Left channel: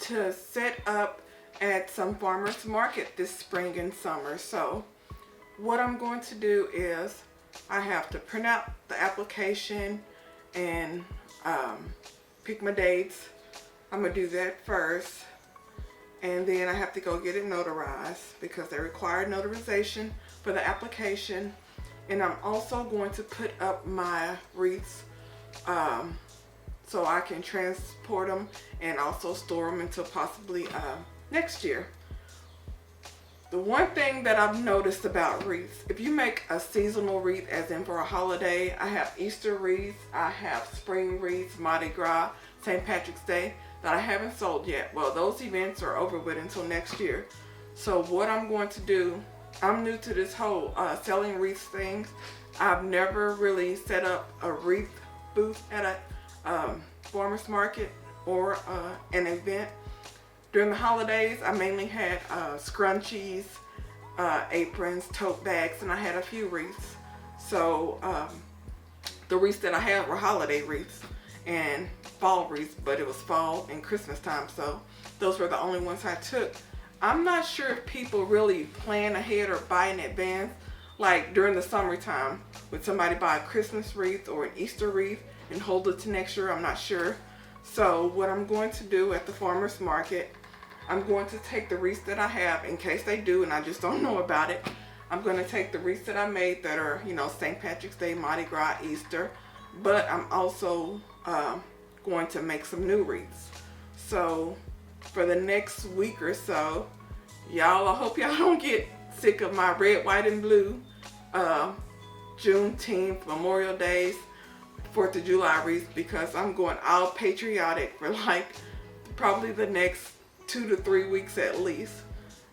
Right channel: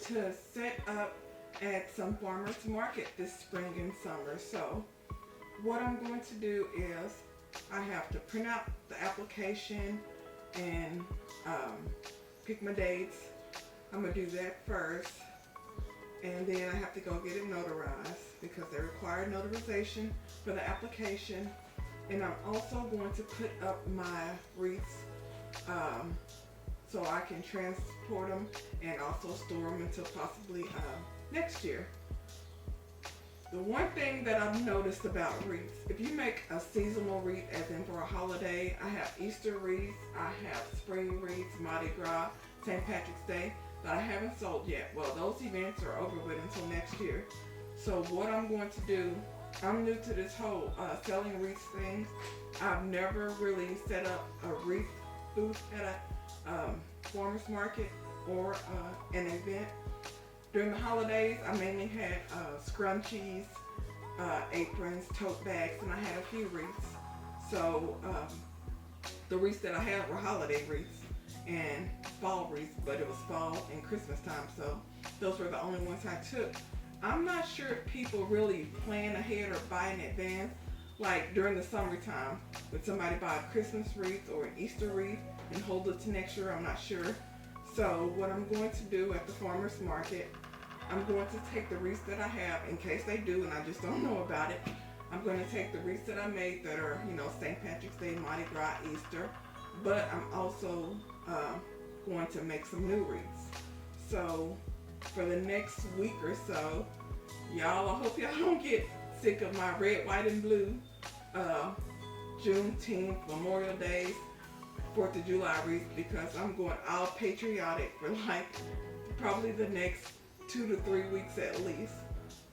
to set up at some farmers market this spring and summer. So what I'm going to do is I have to print out the application and pick my dates. I'm gonna do that first, and then I have to go get it notarized because they require notarization for the application. And I'm also going to put up my wreaths so I can transport them and also store them until possibly next year. The one thing that I've noticed about wreaths, if you make a seasonal wreath, as in for a holiday, I have Easter wreaths, I have spring wreaths, Mardi Gras, St. Patrick's Day, that I haven't sold yet. Well, those events are over with until next year. So what I'm going to do, I'm new to this whole selling wreaths things. I've never really set up a wreath booth at a farmer's market or an event. During the holidays, I mainly had scrunchies, aprons, tote bags, and I had a few wreaths. So the wreaths that I had were holiday wreaths and fall wreaths, but it was fall and Christmas time, so those were the only ones I took. I'm not sure if people really plan ahead or buy in advance. Like during the summertime, would somebody buy a Christmas wreath or an Easter wreath and hold it to next year? I'm not sure. So what I'm going to do at the farmer's market, I'm going to take the wreaths that I have in case they do and I just don't know about it. I'm going to take the wreaths that I made that are, you know, St. Patrick's Day, Mardi Gras, Easter, but I'm also going to make some new wreaths. So for the next week or so, y'all, I hope y'all don't get sick of my red, white, and blue Juneteenth, Memorial Days, 4th of July wreaths, because I'm going all patriotic for like probably the next 2 to 3 weeks at least.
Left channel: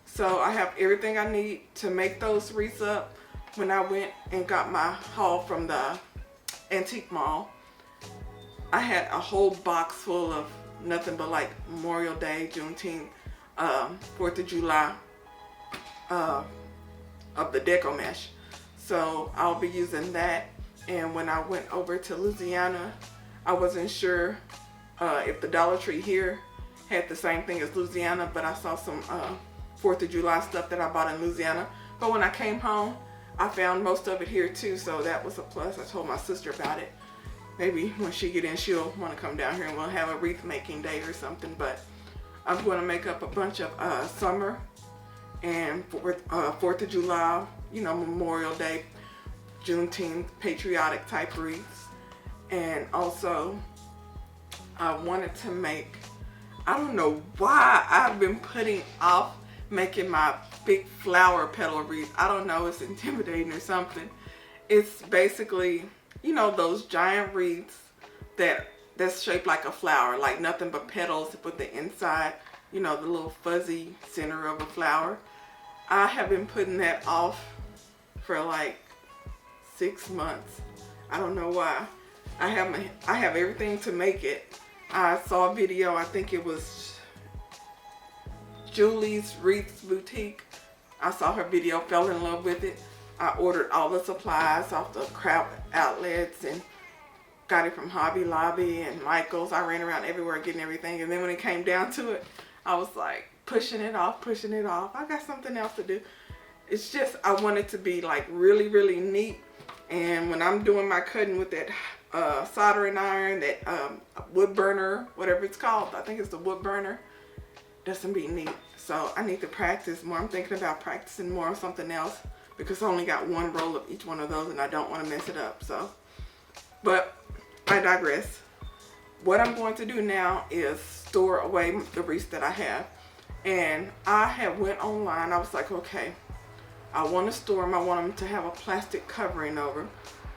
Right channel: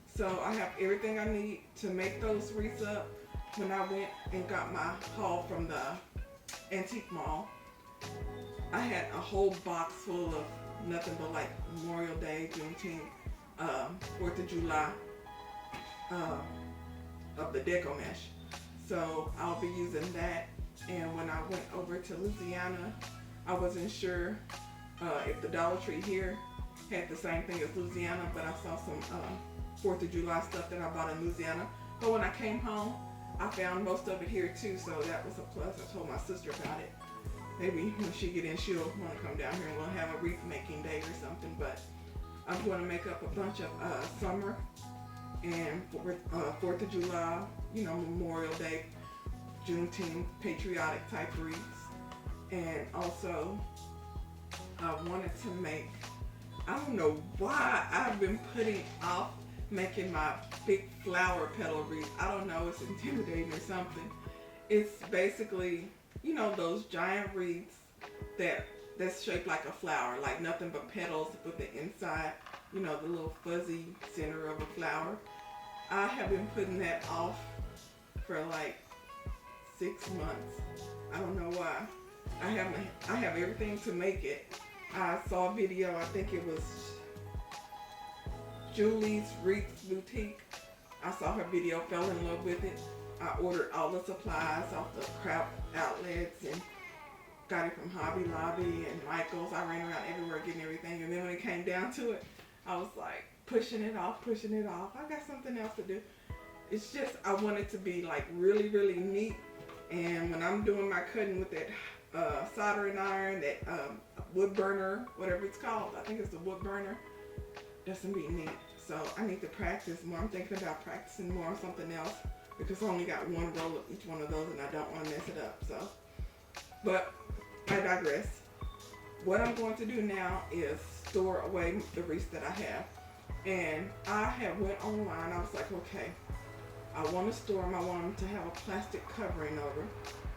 So I have everything I need to make those wreaths up. When I went and got my haul from the antique mall, I had a whole box full of nothing but like Memorial Day, Juneteenth, 4th of July of the deco mesh. So I'll be using that. And when I went over to Louisiana, I wasn't sure if the Dollar Tree here had the same thing as Louisiana, but I saw some 4th of July stuff that I bought in Louisiana. But when I came home, I found most of it here too, so that was a plus. I told my sister about it. Maybe when she get in, she'll want to come down here and we'll have a wreath making day or something. But I'm going to make up a bunch of summer and 4th of July, you know, Memorial Day, Juneteenth, patriotic type wreaths. And also, I wanted to make, I don't know why I've been putting off making my big flower petal wreath. I don't know, it's intimidating or something. It's basically, you know, those giant wreaths that's shaped like a flower, like nothing but petals with the inside, you know, the little fuzzy center of a flower. I have been putting that off for like 6 months. I don't know why. I have everything to make it. I saw a video, I think it was Julie's Wreaths Boutique. I saw her video, fell in love with it. I ordered all the supplies off the crowd outlets and got it from Hobby Lobby and Michael's. I ran around everywhere getting everything, and then when it came down to it, I was like pushing it off. I got something else to do. It's just, I want it to be like really, really neat. And when I'm doing my cutting with that soldering iron, that wood burner, whatever it's called, I think it's the wood burner, that's gonna be neat. So I need to practice more. I'm thinking about practicing more on something else because I only got one roll of each one of those and I don't want to mess it up. So, but I digress. What I'm going to do now is store away the wreaths that I have. And I have went online. I was like, okay, I want to store them. I want them to have a plastic covering over.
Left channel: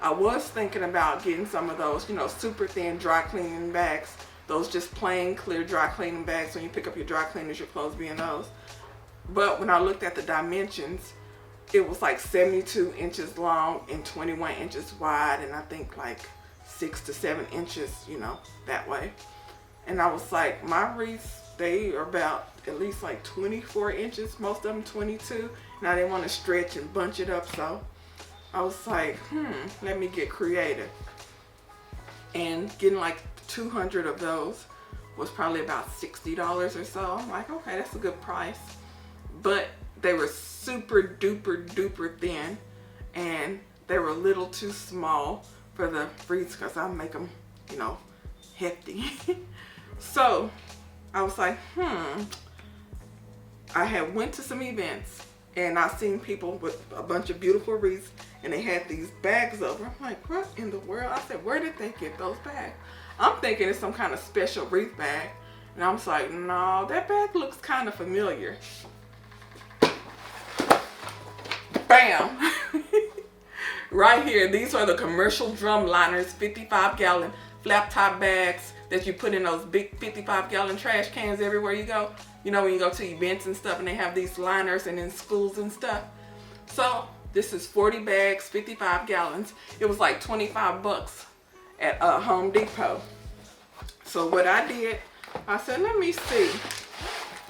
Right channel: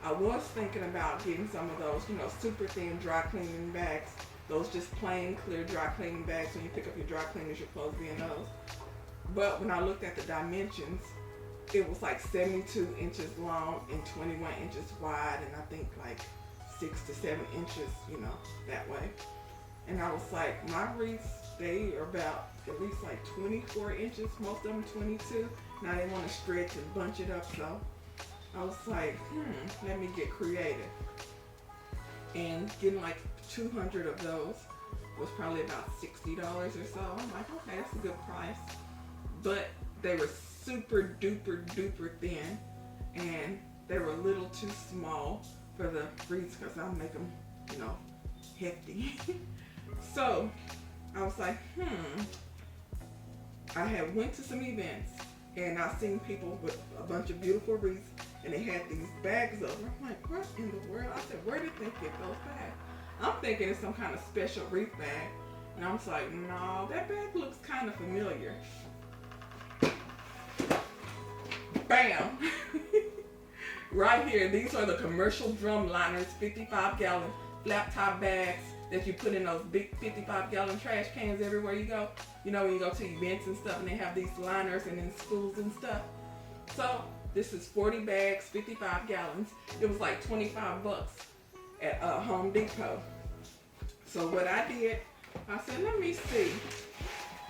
I was thinking about getting some of those, you know, super thin dry cleaning bags. Those just plain clear dry cleaning bags. When you pick up your dry cleaners, your clothes be in those. But when I looked at the dimensions, it was like 72 inches long and 21 inches wide, and I think like 6 to 7 inches, you know, that way. And I was like, my wreaths, they are about at least like 24 inches, most of them 22. Now they want to stretch and bunch it up, so I was like, let me get creative. And getting like 200 of those was probably about $60 or so. I'm like, okay, that's a good price. But they were super duper duper thin, and they were a little too small for the wreaths because I make them, you know, hefty. So I was like, I had went to some events and I seen people with a bunch of beautiful wreaths and they had these bags of them. I'm like, what in the world? I said, where did they get those bags? I'm thinking it's some kind of special wreath bag. And I was like, no, that bag looks kind of familiar. Bam! Right here, these are the commercial drum liners, 55-gallon flap top bags that you put in those big 55-gallon trash cans everywhere you go. You know, when you go to events and stuff and they have these liners and in schools and stuff. So this is 40 bags, 55 gallons. It was like 25 bucks at Home Depot. So what I did, I said, let me see.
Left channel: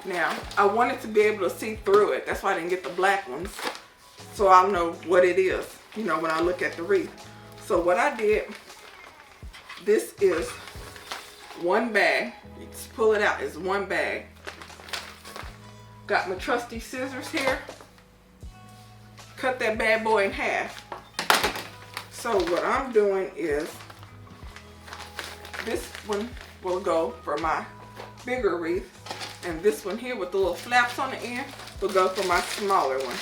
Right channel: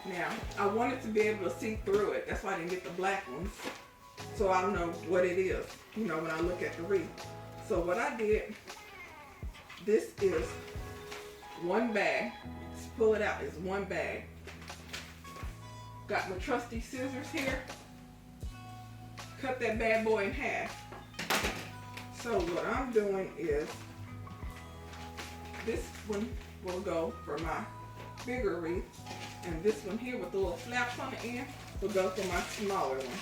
Now, I wanted to be able to see through it. That's why I didn't get the black ones. So I'll know what it is, you know, when I look at the wreath. So what I did, this is one bag. You just pull it out, it's one bag. Got my trusty scissors here. Cut that bad boy in half. So what I'm doing is, this one will go for my bigger wreath, and this one here with the little flaps on the end will go for my smaller one.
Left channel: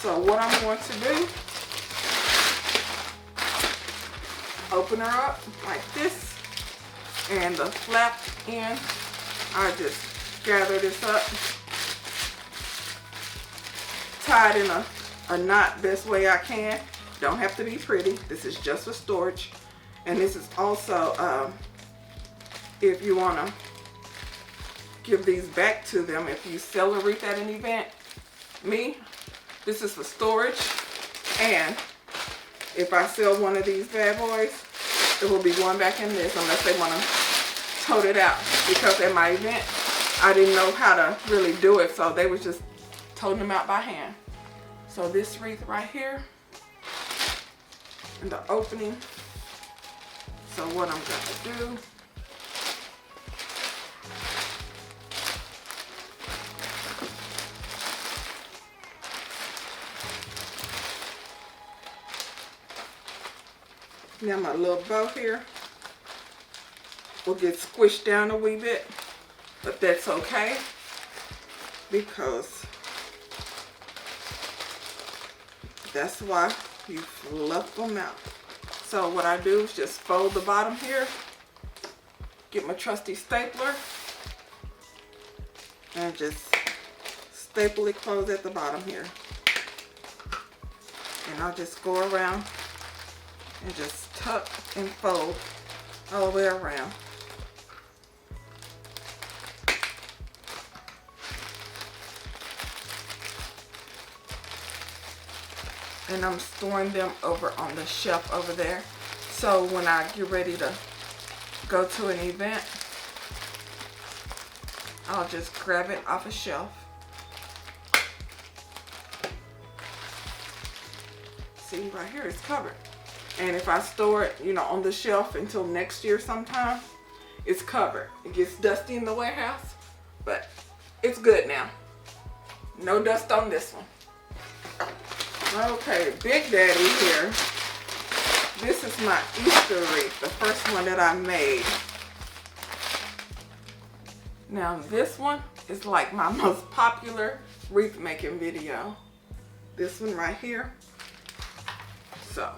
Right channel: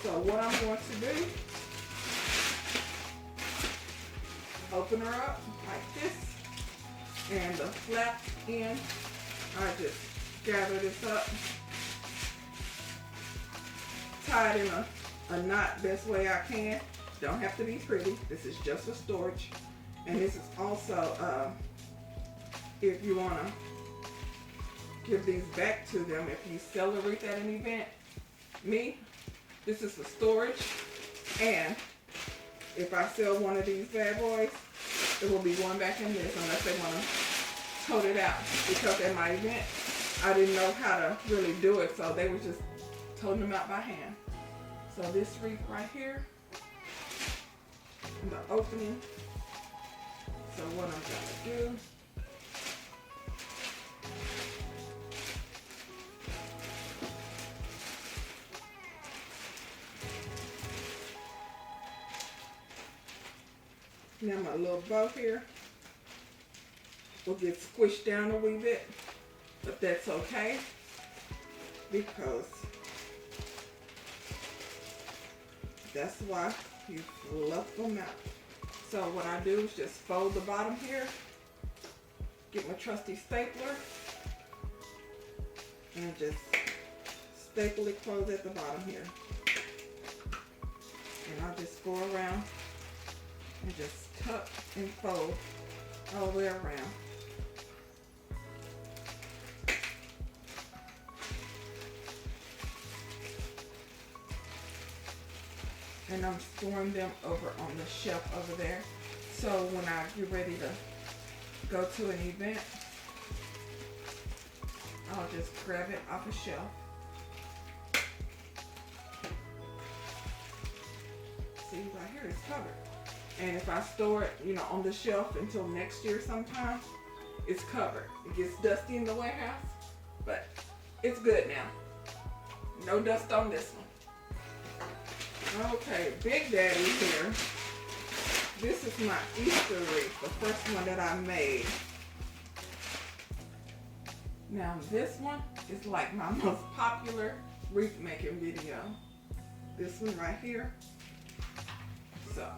So what I'm going to do, open her up like this, and the flap end, I just gather this up, tie it in a knot best way I can. Don't have to be pretty. This is just for storage. And this is also if you want to give these back to them if you sell a wreath at an event. Me, this is for storage, and if I sell one of these bad boys, it will be going back in this unless they want to tote it out, because at my event I didn't know how to really do it, so they was just toting them out by hand. So this wreath right here and the opening. So what I'm going to do, now my little bow here will get squished down a wee bit, but that's okay because that's why you fluff them out. So what I do is just fold the bottom here, get my trusty stapler, and just staple it closed at the bottom here. And I'll just go around and just tuck and fold all the way around. And I'm storing them over on the shelf over there. So when I get ready to go to an event, I'll just grab it off a shelf. See, right here it's covered. And if I store it, you know, on the shelf until next year sometime, it's covered. It gets dusty in the warehouse, but it's good now. No dust on this one. Okay, Big Daddy here. This is my Easter wreath, the first one that I made. Now this one is like my most popular wreath making video. This one right here. So,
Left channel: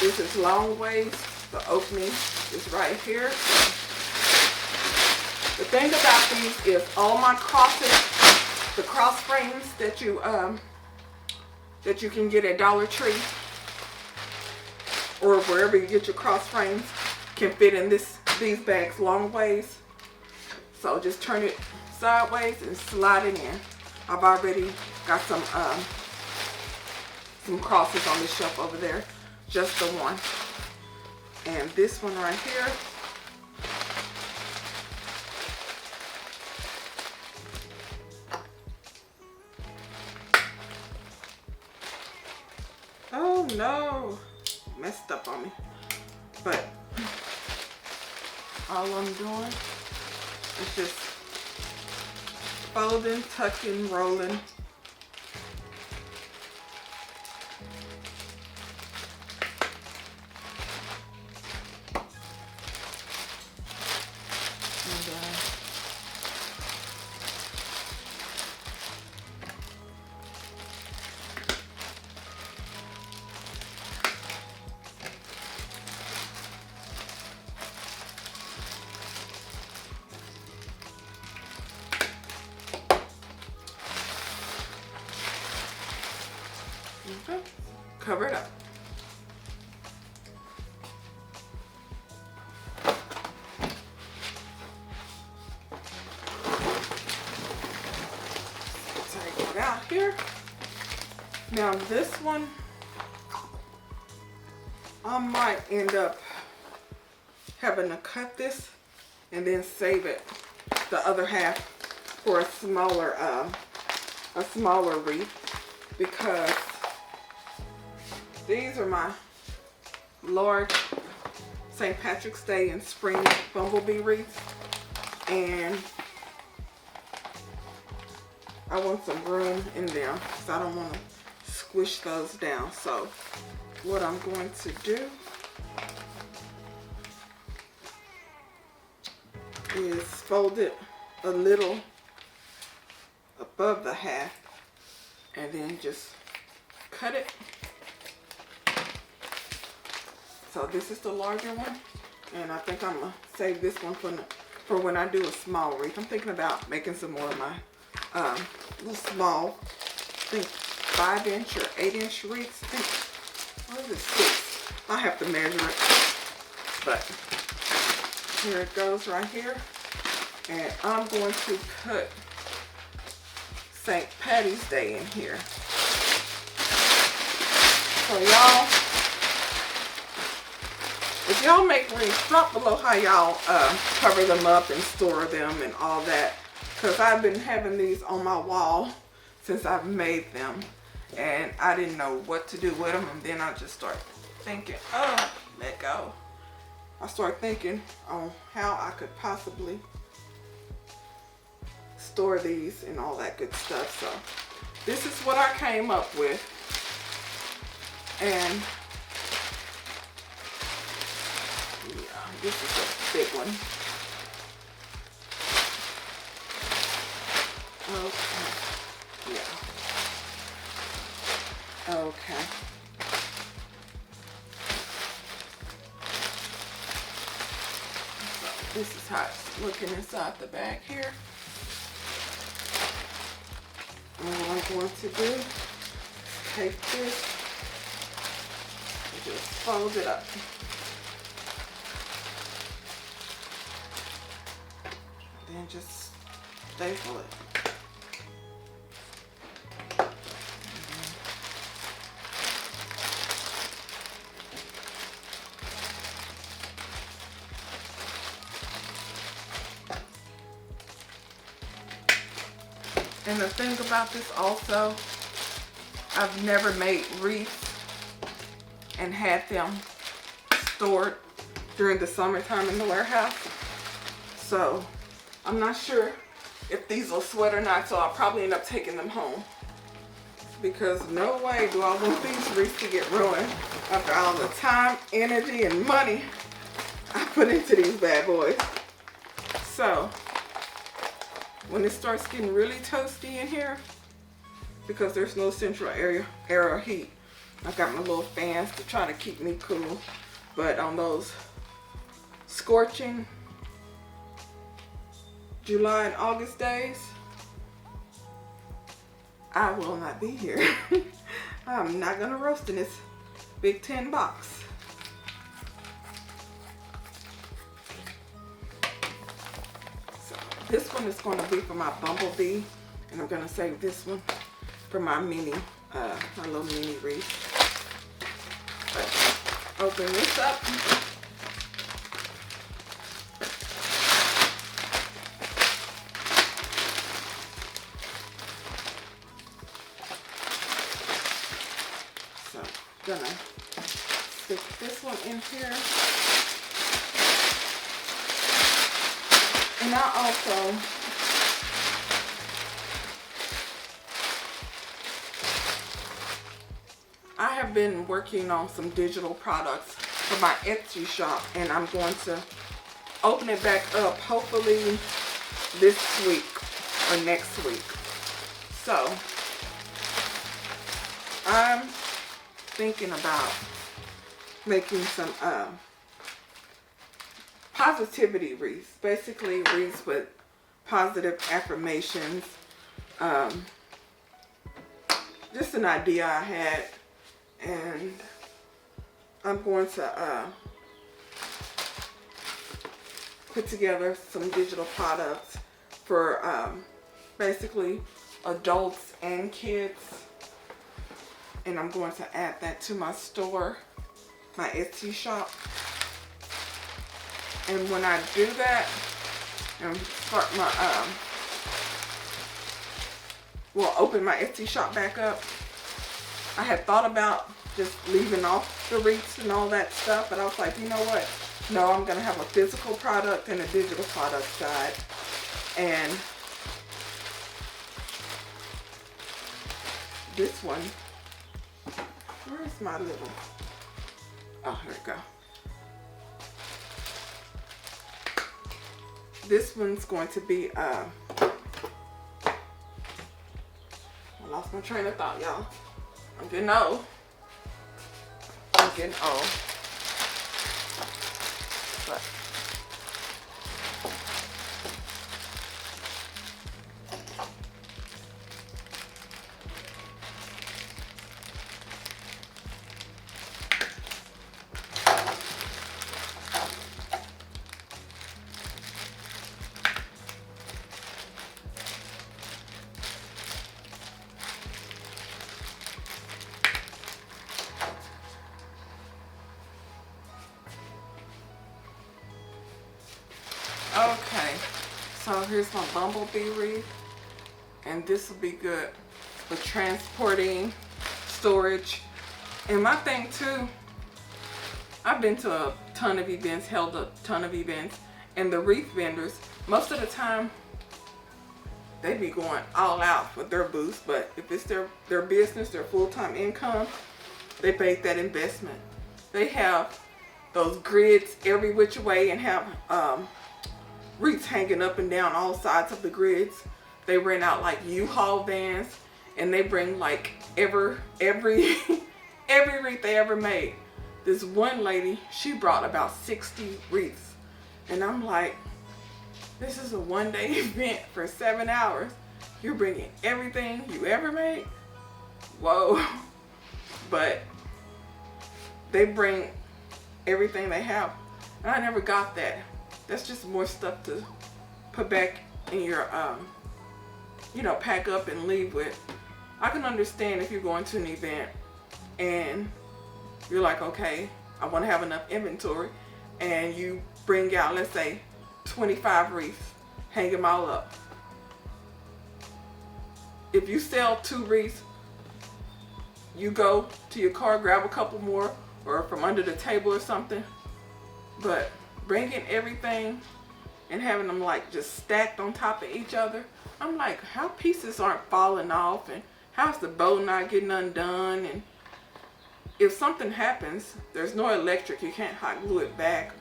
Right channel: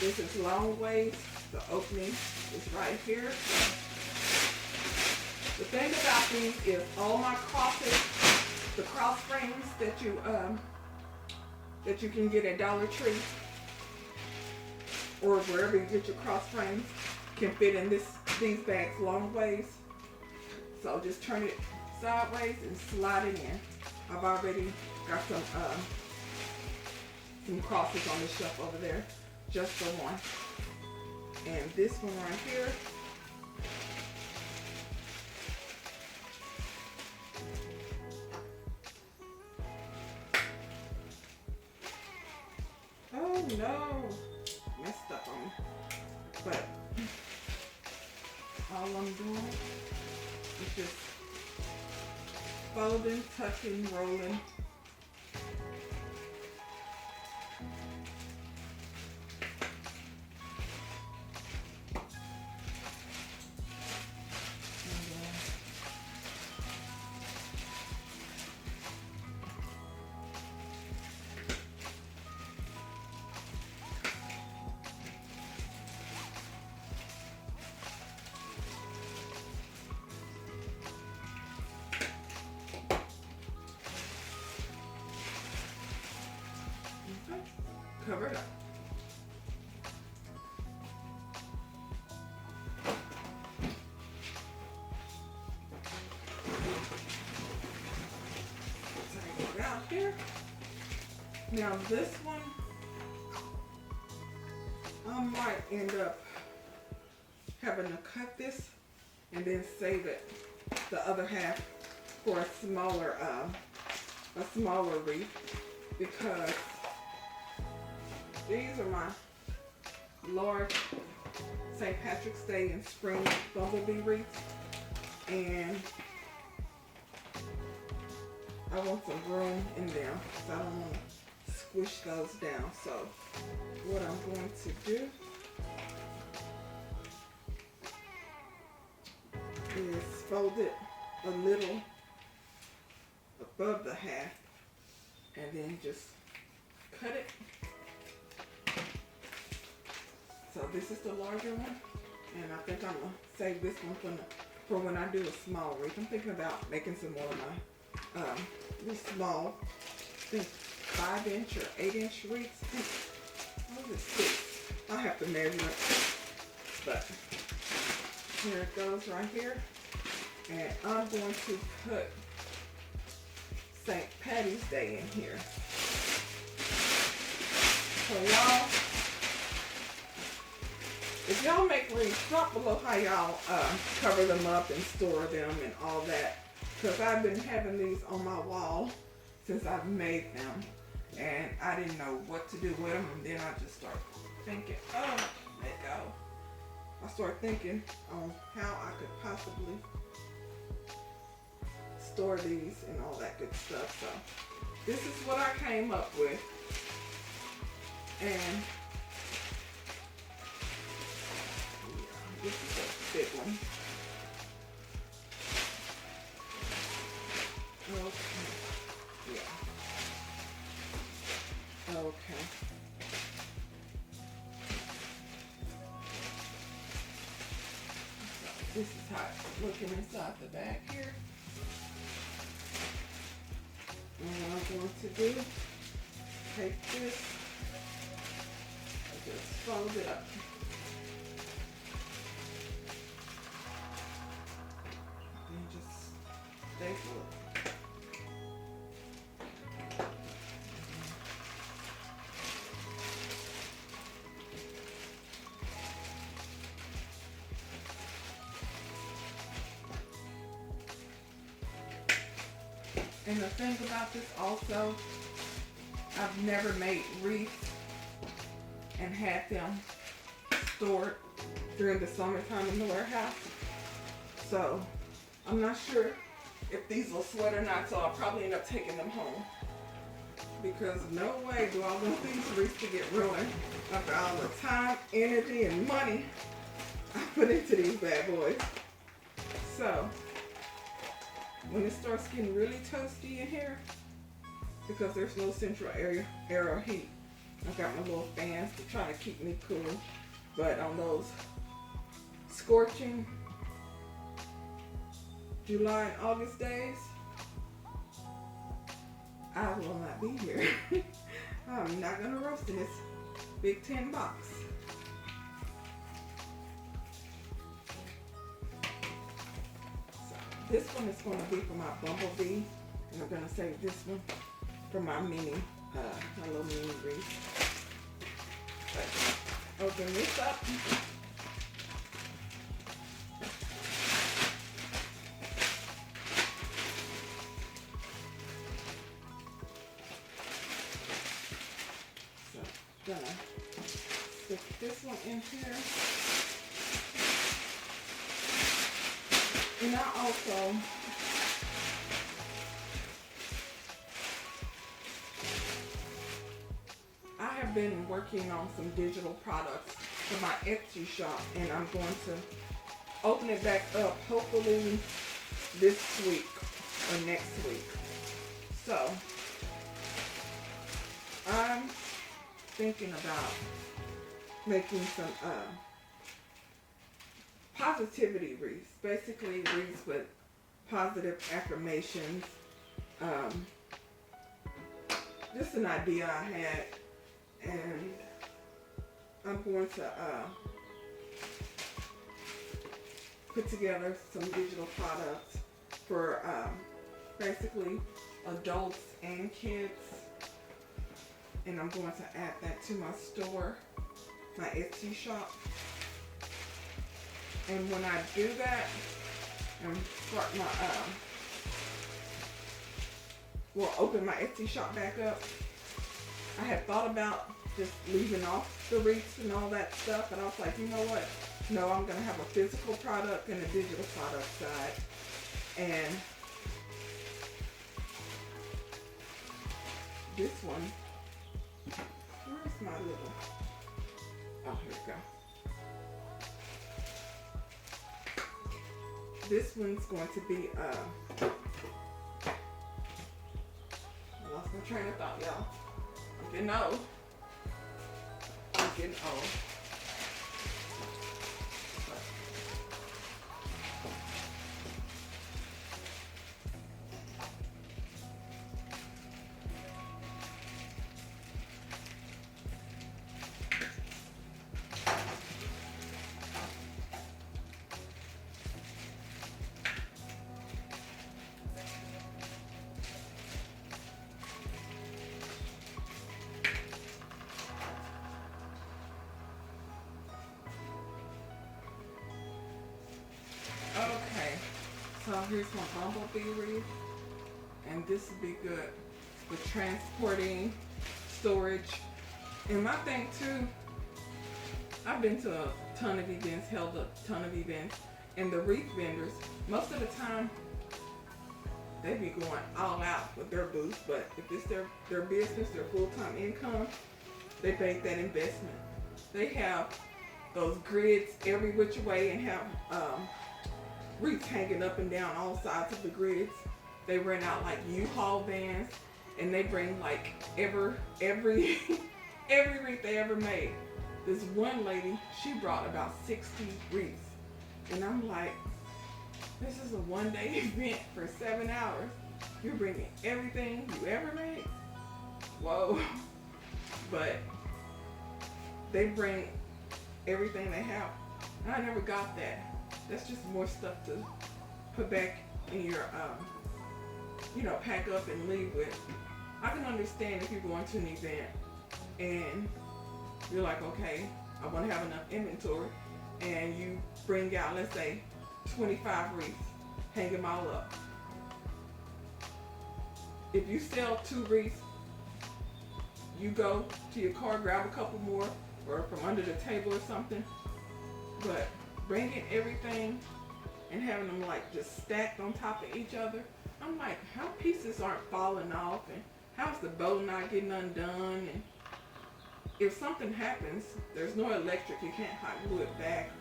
this is long ways. The opening is right here. The thing about these is all my crosses, the cross frames that you can get at Dollar Tree or wherever you get your cross frames, can fit in these bags long ways. So just turn it sideways and slide it in. I've already got some crosses on the shelf over there, just the one. And this one right here, oh no, messed up on me. But All I'm doing is just folding, tucking, rolling. Okay. Cover it up. Take it out here. Now this one, I might end up having to cut this and then save it, the other half, for a smaller wreath, because these are my large St. Patrick's Day and spring bumblebee wreaths, and I want some room in them because I don't want to squish those down. So what I'm going to do is fold it a little above the half and then just cut it. So this is the larger one, and I think I'm gonna save this one for when I do a small wreath. I'm thinking about making some more of my little small, I think 5-inch or 8-inch wreaths. I think, what is it, 6? I'll have to measure it, but here it goes right here. And I'm going to put St. Patty's Day in here. So y'all, if y'all make wreaths, drop below how y'all cover them up and store them and all that. Because I've been having these on my wall since I've made them. And I didn't know what to do with them. And then I just started thinking, oh, let go. I started thinking on how I could possibly store these and all that good stuff. So this is what I came up with. And yeah, this is a big one. Okay. Yeah. Okay. So this is how it's looking inside the bag here. And what I'm going to do is take this and just fold it up. Then just staple it. And the thing about this also, I've never made wreaths and had them stored during the summertime in the warehouse. So I'm not sure if these will sweat or not, so I'll probably end up taking them home. Because no way do I want these wreaths to get ruined after all the time, energy, and money I put into these bad boys. So when it starts getting really toasty in here, because there's no central area of heat, I've got my little fans to try to keep me cool. But on those scorching July and August days, I will not be here. I'm not gonna roast in this big tin box. This one is going to be for my bumblebee, and I'm going to save this one for my mini, my little mini wreath. But open this up. So I'm going to stick this one in here. And I have been working on some digital products for my Etsy shop, and I'm going to open it back up hopefully this week or next week. So I'm thinking about making some positivity wreaths, basically wreaths with positive affirmations. Just an idea I had, and I'm going to put together some digital products for basically adults and kids, and I'm going to add that to my store, my Etsy shop. And when I do that and start my open my Etsy shop back up, I had thought about just leaving off the wreaths and all that stuff, but I was like, you know what? No, I'm gonna have a physical product and a digital product side. And this one, where's my little, oh, here we go. This one's going to be, I lost my train of thought, y'all. I'm getting old. I'm getting old. But okay, so here's my bumblebee wreath, and this will be good for transporting, storage. And my thing too, I've been to a ton of events, held a ton of events, and the wreath vendors, most of the time, they be going all out with their booths, but if it's their business, their full-time income, they make that investment. They have those grids every which way and have wreaths hanging up and down all sides of the grids. They rent out like U-Haul vans, and they bring like every wreath they ever made. This one lady, she brought about 60 wreaths, and I'm like, this is a one-day event for 7 hours. You're bringing everything you ever made? Whoa. But they bring everything they have, and I never got that. That's just more stuff to put back in your, pack up and leave with. I can understand if you're going to an event and you're like, okay, I want to have enough inventory, and you bring out, let's say, 25 wreaths, hang them all up. If you sell 2 wreaths, you go to your car, grab a couple more, or from under the table or something. But bringing everything and having them like just stacked on top of each other, I'm like, how pieces aren't falling off, and how's the bow not getting undone? And if something happens, there's no electric, you can't hot glue it back,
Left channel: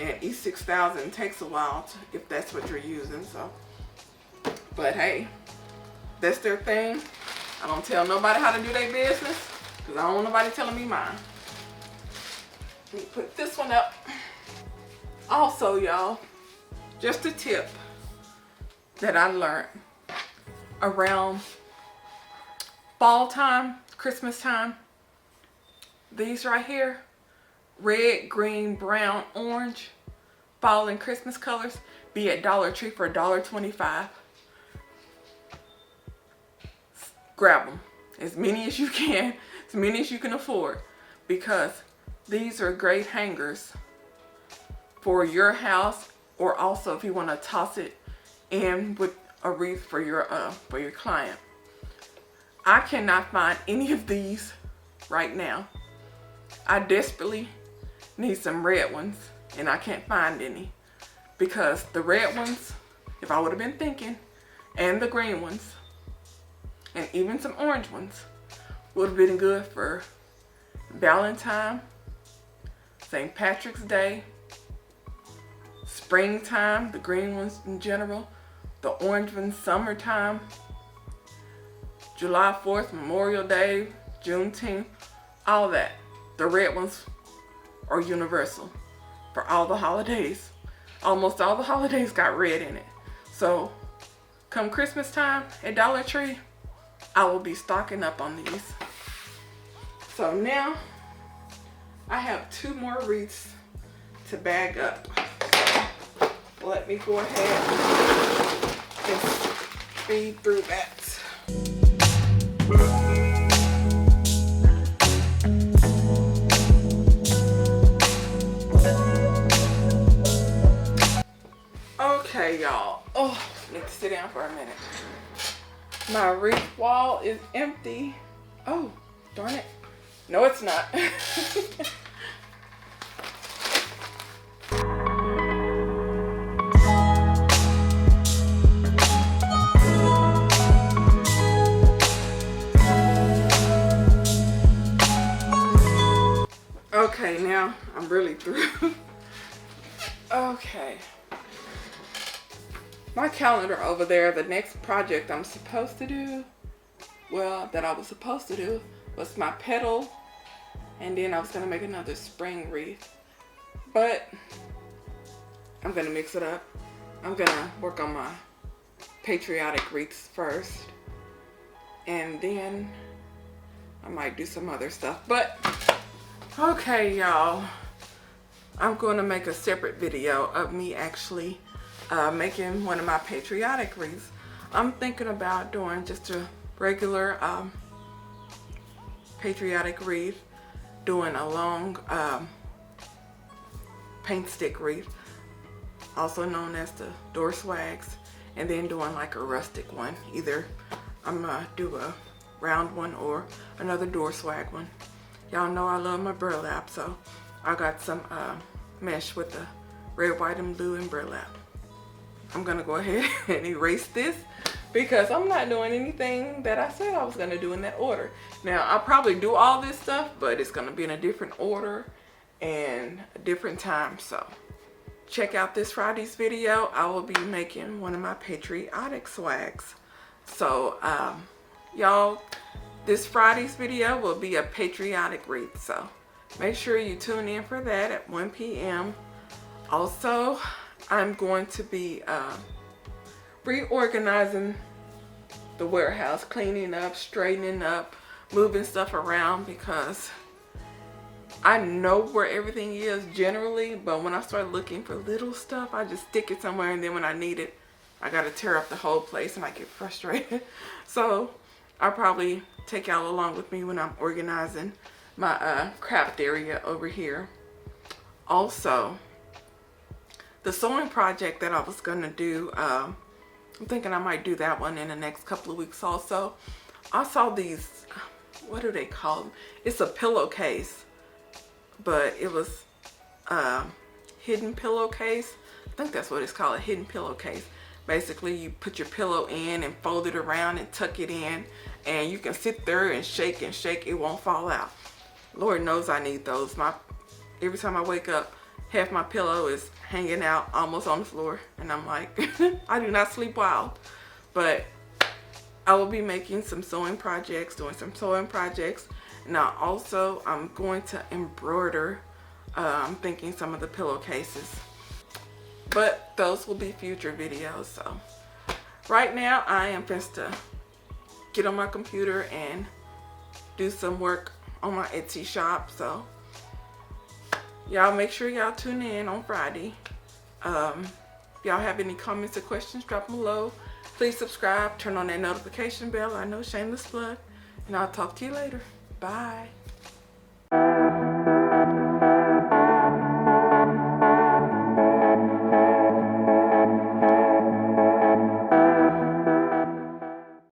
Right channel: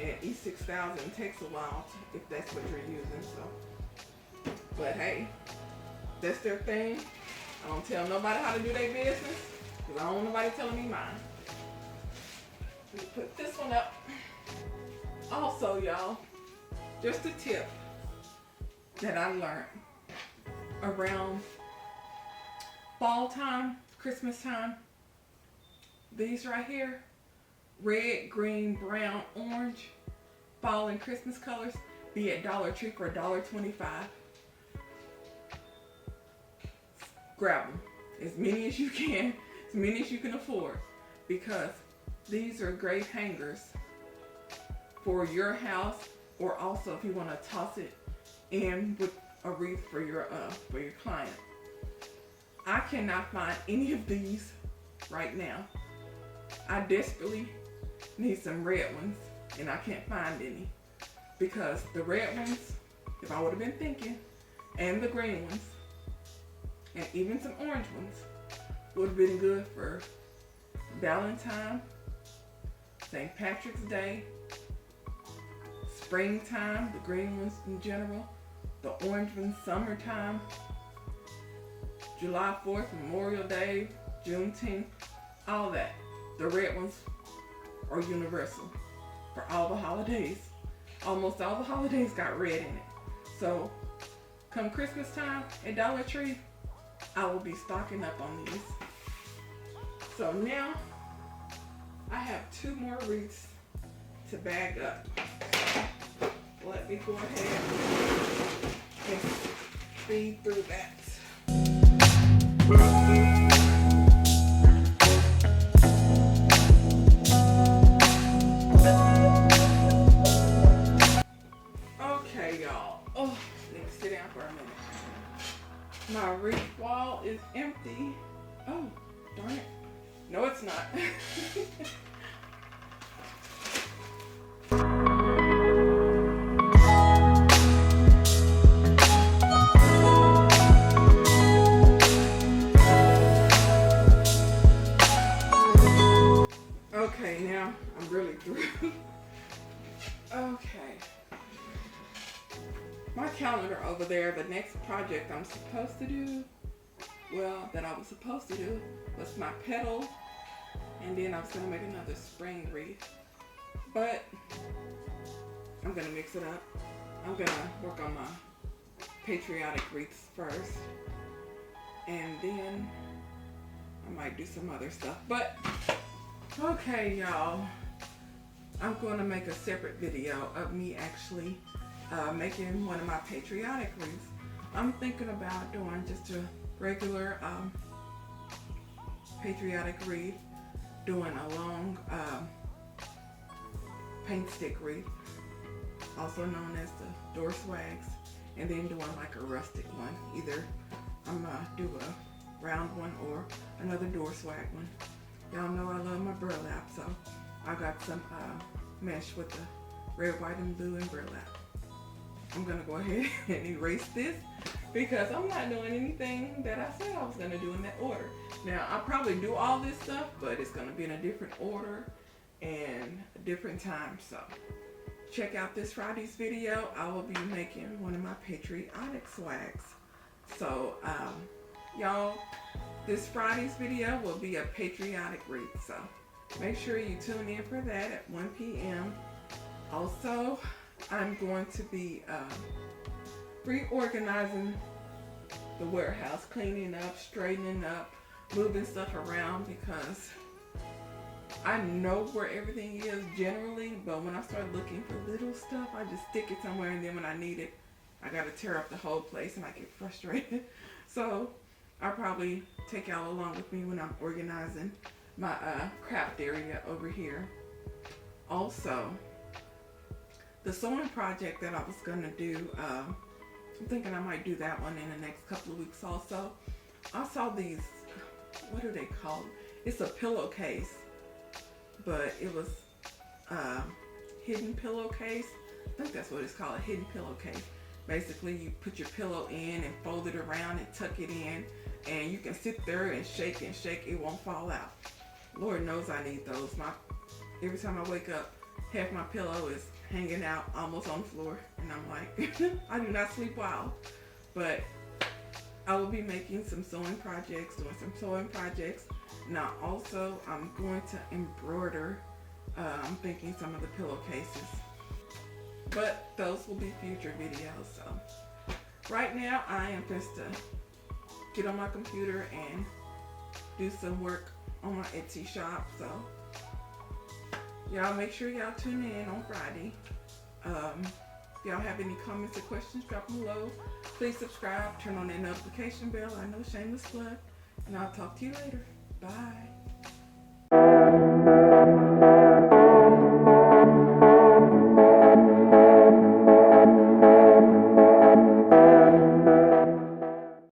and E6000 takes a while if that's what you're using. So, but hey, that's their thing. I don't tell nobody how to do their business, because I don't want nobody telling me mine. Let me put this one up. Also, y'all, just a tip that I learned around fall time, Christmas time. These right here, red, green, brown, orange, fall and Christmas colors, be at Dollar Tree for $1.25. Grab them, as many as you can, as many as you can afford, because these are great hangers for your house, or also if you want to toss it in with a wreath for your client. I cannot find any of these right now. I desperately need some red ones, and I can't find any. because the red ones, if I would have been thinking, and the green ones, and even some orange ones, would have been good for Valentine, St. Patrick's Day, springtime, the green ones in general, the orange ones summertime, July 4th, Memorial Day, Juneteenth, all that. The red ones are universal for all the holidays. Almost all the holidays got red in it. So come Christmas time at Dollar Tree, I will be stocking up on these. So now I have 2 more wreaths to bag up. So let me go ahead and speed through that. Okay, y'all. Oh, need to sit down for a minute. My wreath wall is empty. Oh, darn it. No, it's not. Okay, now I'm really through. Okay. My calendar over there, the next project I'm supposed to do, well, that I was supposed to do, was my petal, and then I was gonna make another spring wreath. But I'm gonna mix it up. I'm gonna work on my patriotic wreaths first, and then I might do some other stuff. But okay, y'all, I'm gonna make a separate video of me actually making one of my patriotic wreaths. I'm thinking about doing just a regular patriotic wreath, doing a long paint stick wreath, also known as the door swags, and then doing like a rustic one. Either I'm gonna do a round one or another door swag one. Y'all know I love my burlap, so I got some mesh with the red, white, and blue and burlap. I'm gonna go ahead and erase this because I'm not doing anything that I said I was gonna do in that order. Now, I'll probably do all this stuff, but it's gonna be in a different order and a different time. So check out this Friday's video. I will be making one of my patriotic swags. So y'all, this Friday's video will be a patriotic wreath. So make sure you tune in for that at 1 p.m. Also, I'm going to be reorganizing the warehouse, cleaning up, straightening up, moving stuff around, because I know where everything is generally, but when I start looking for little stuff, I just stick it somewhere, and then when I need it, I gotta tear up the whole place and I get frustrated. So I'll probably take y'all along with me when I'm organizing my craft area over here. Also, the sewing project that I was gonna do, I'm thinking I might do that one in the next couple of weeks also. I saw these, what do they call them? It's a pillowcase, but it was hidden pillowcase. I think that's what it's called, a hidden pillowcase. Basically, you put your pillow in and fold it around and tuck it in, and you can sit there and shake, it won't fall out. Lord knows I need those. Every time I wake up, half my pillow is hanging out almost on the floor, and I'm like, I do not sleep well. But I will be making some sewing projects, doing some sewing projects. Now also, I'm going to embroider, I'm thinking some of the pillowcases. But those will be future videos. So right now, I am just to get on my computer and do some work on my Etsy shop. So y'all make sure y'all tune in on Friday. If y'all have any comments or questions, drop them below. Please subscribe, turn on that notification bell. I know, shameless plug. And I'll talk to you later. Bye.